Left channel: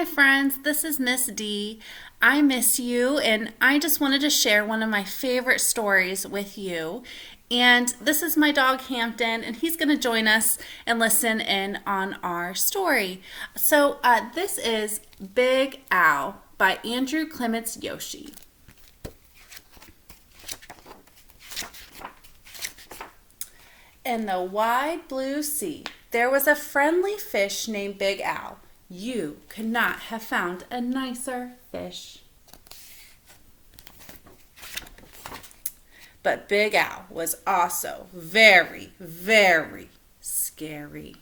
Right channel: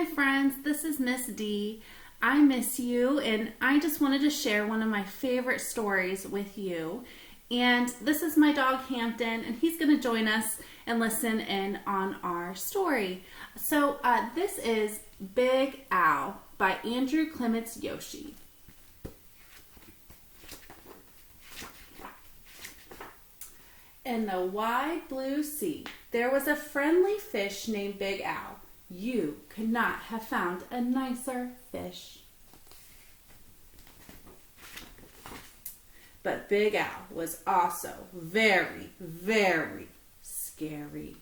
Hi, friends. This is Miss D. I miss you, and I just wanted to share one of my favorite stories with you. And this is my dog Hampton, and he's going to join us and listen in on our story. This is Big Al by Andrew Clements Yoshi. In the wide blue sea, there was a friendly fish named Big Al. You could not have found a nicer fish. But Big Al was also very, very scary.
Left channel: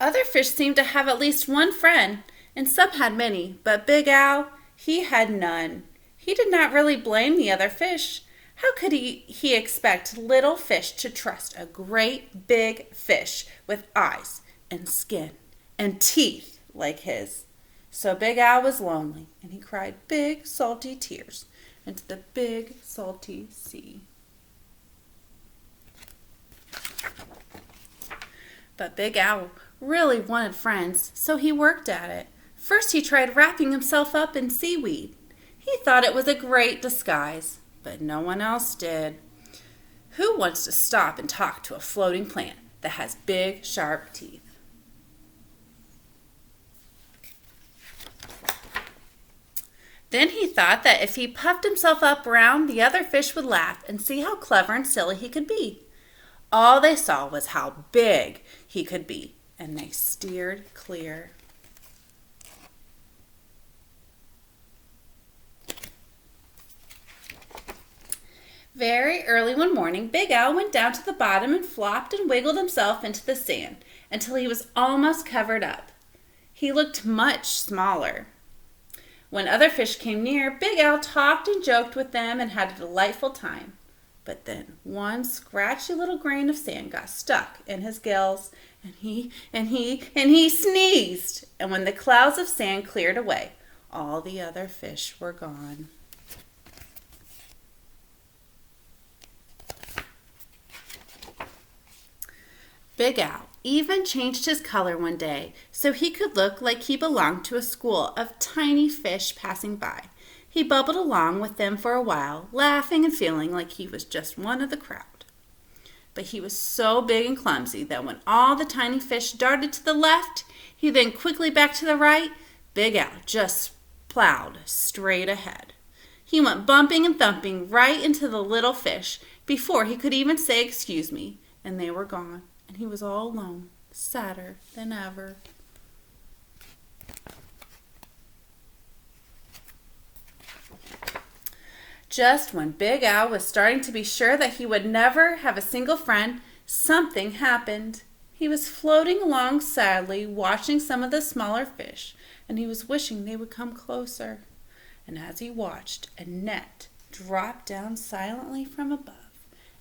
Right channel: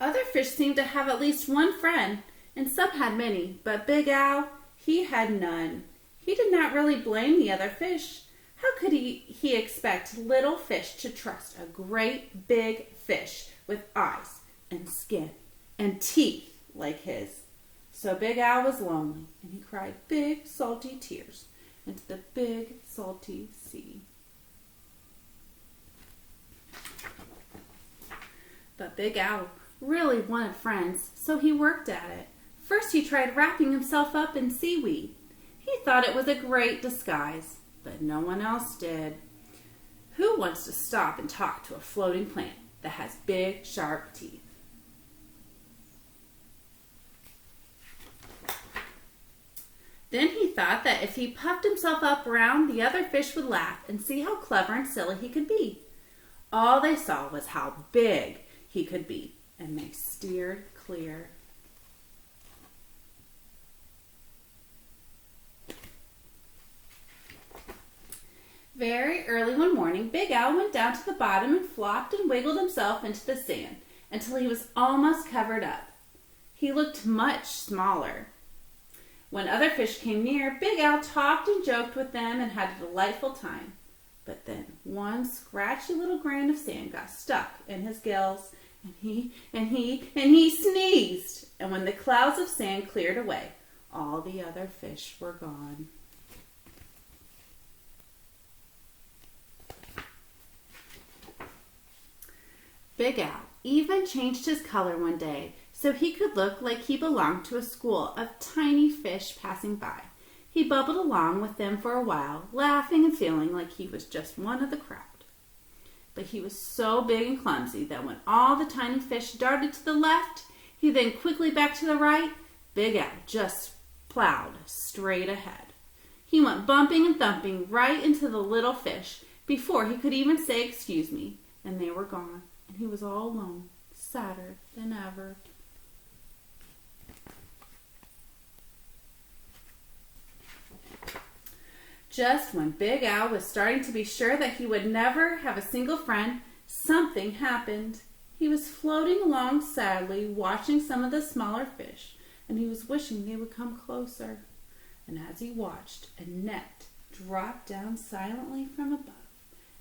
Other fish seemed to have at least one friend, and some had many, but Big Al, he had none. He did not really blame the other fish. How could he expect little fish to trust a great big fish with eyes and skin and teeth like his? So Big Al was lonely, and he cried big salty tears into the big salty sea. But Big Al really wanted friends, so he worked at it. First he tried wrapping himself up in seaweed. He thought it was a great disguise, but no one else did. Who wants to stop and talk to a floating plant that has big, sharp teeth? Then he thought that if he puffed himself up around, the other fish would laugh and see how clever and silly he could be. All they saw was how big he could be, and they steered clear. Very early one morning, Big Al went down to the bottom and flopped and wiggled himself into the sand until he was almost covered up. He looked much smaller. When other fish came near, Big Al talked and joked with them and had a delightful time. But then one scratchy little grain of sand got stuck in his gills, and he sneezed. And when the clouds of sand cleared away, all the other fish were gone. Big Al even changed his color one day so he could look like he belonged to a school of tiny fish passing by. He bubbled along with them for a while, laughing and feeling like he was just one of the crowd. But he was so big and clumsy that when all the tiny fish darted to the left, he then quickly back to the right, Big Al just plowed straight ahead. He went bumping and thumping right into the little fish before he could even say excuse me, and they were gone. And he was all alone, sadder than ever. Just when Big Al was starting to be sure that he would never have a single friend, something happened. He was floating along sadly, watching some of the smaller fish, and he was wishing they would come closer. And as he watched, a net dropped down silently from above.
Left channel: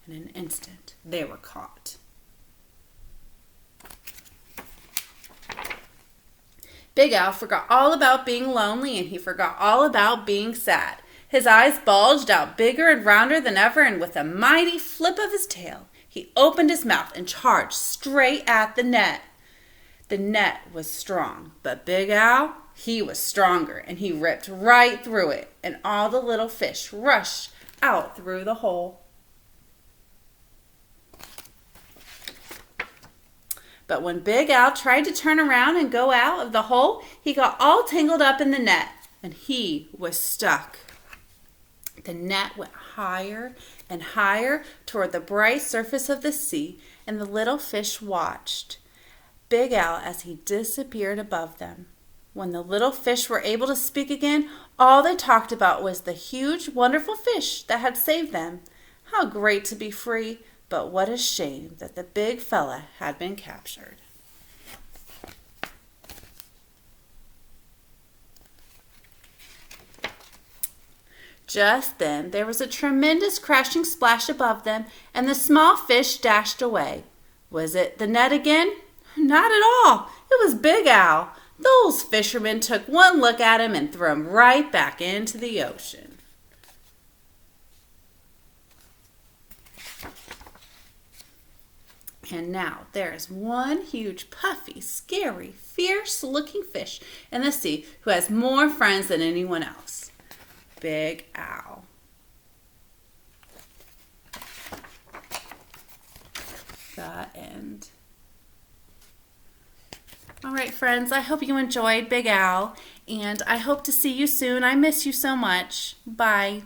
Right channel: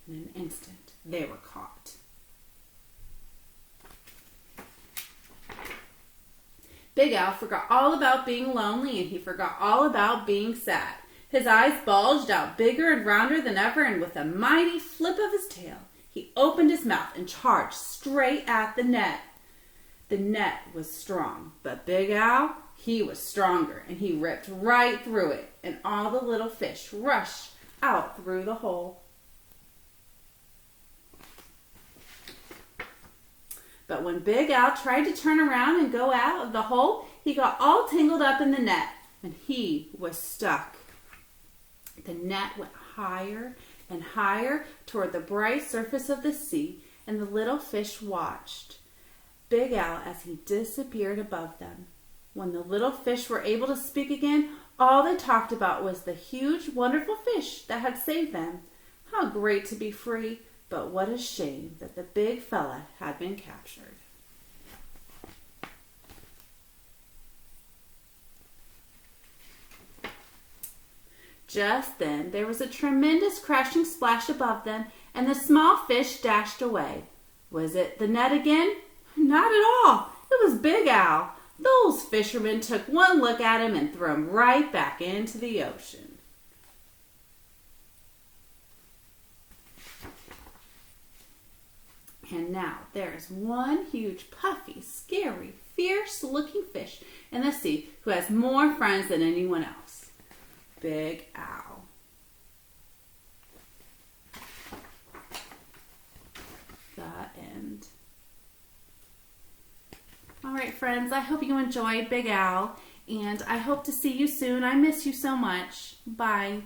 In an instant, they were caught. Big Al forgot all about being lonely, and he forgot all about being sad. His eyes bulged out bigger and rounder than ever, and with a mighty flip of his tail, he opened his mouth and charged straight at the net. The net was strong, but Big Al, he was stronger, and he ripped right through it, and all the little fish rushed out through the hole. But when Big Al tried to turn around and go out of the hole, he got all tangled up in the net, and he was stuck. The net went higher and higher toward the bright surface of the sea, and the little fish watched Big Al as he disappeared above them. When the little fish were able to speak again, all they talked about was the huge, wonderful fish that had saved them. How great to be free! But what a shame that the big fella had been captured. Just then there was a tremendous crashing splash above them, and the small fish dashed away. Was it the net again? Not at all. It was Big Al. Those fishermen took one look at him and threw him right back into the ocean. And now there is one huge, puffy, scary, fierce-looking fish in the sea who has more friends than anyone else. Big Al. The end. All right, friends, I hope you enjoyed Big Al, and I hope to see you soon. I miss you so much. Bye.